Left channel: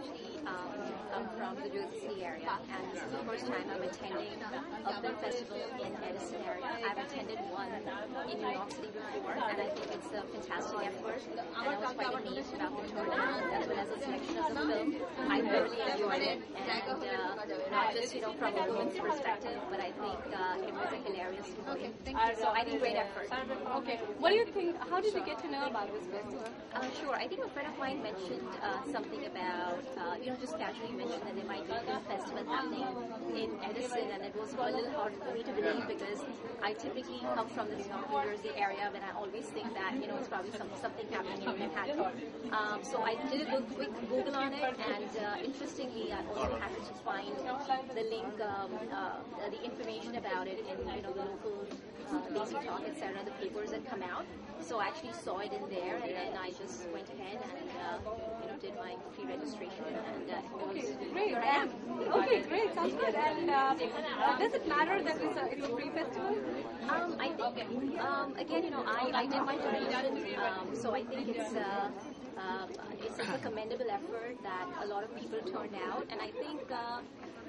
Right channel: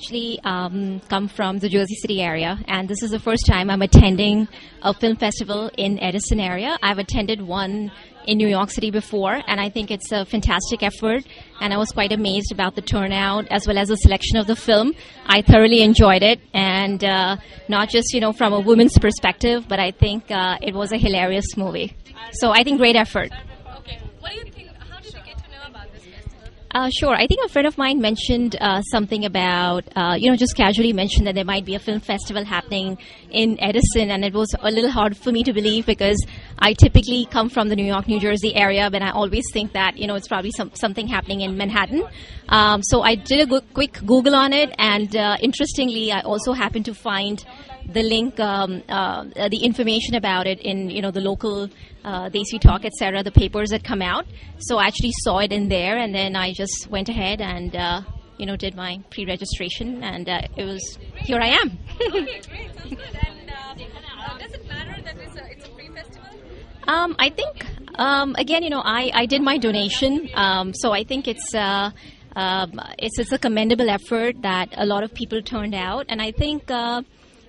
Actually come from the Jersey City area, and this is the first time I'm attending a film festival in Edison area. I've attended one in New York City before, and I think it's a fantastic effort, and I was quite amazed about the turnout as well as the selection of the film. I thoroughly enjoyed it, and not just from a woman's perspective, but I think it was a hilarious movie. So I think great effort. Okay. What do you think? How did you get to know about this festival? Sure. I think a friend of mine mentioned something about, just casually mentioned that there might be a film festival happening in Edison, and it was a little hard for me to believe because I typically come from the New York, New Jersey area, but I always think that, it's probably something happening in Manhattan. So I did a quick Google on it, and interestingly, I also happened to find the link, the information about it in, the local Desi Talk, etc., the papers that come out. So I actually saw it in there, and then I just went ahead and, did my pre-registration, and here I am. Okay, great. Sounds good. And does it matter that it's a free festival? I think, again, I did my donation, so I think it's a commendable effort that a lot of people turned out, and I think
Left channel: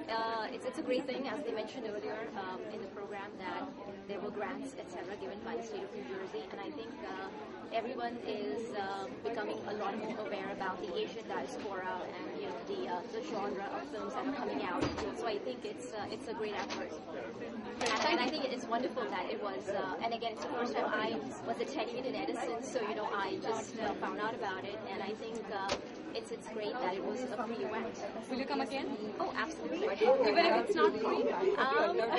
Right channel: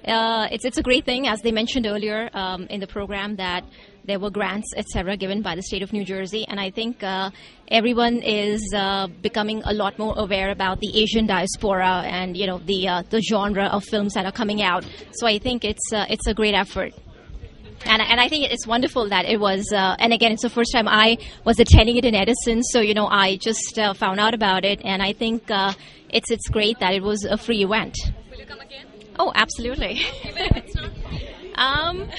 it's a great thing, as they mentioned earlier in the program, that there were grants, etc., given by the state of New Jersey, and I think everyone is becoming a lot more aware about the Asian diaspora and the genre of films that are coming out. So I think it's a great effort. And I think it's wonderful that it was, and again, it's the first time I was attending it in Edison, so, I just found out about it, and I think it's great that it was a free event. Will you come again? Oh, absolutely. Even if it's not free?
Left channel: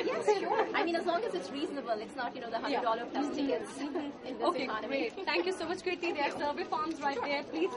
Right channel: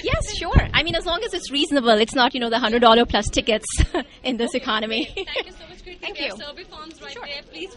Yes, sure. I mean, as long as it's reasonable, it's not, the $100 plus tickets in this economy. Great. Thank you so much. Great. Thank you. Survey forms right there, please.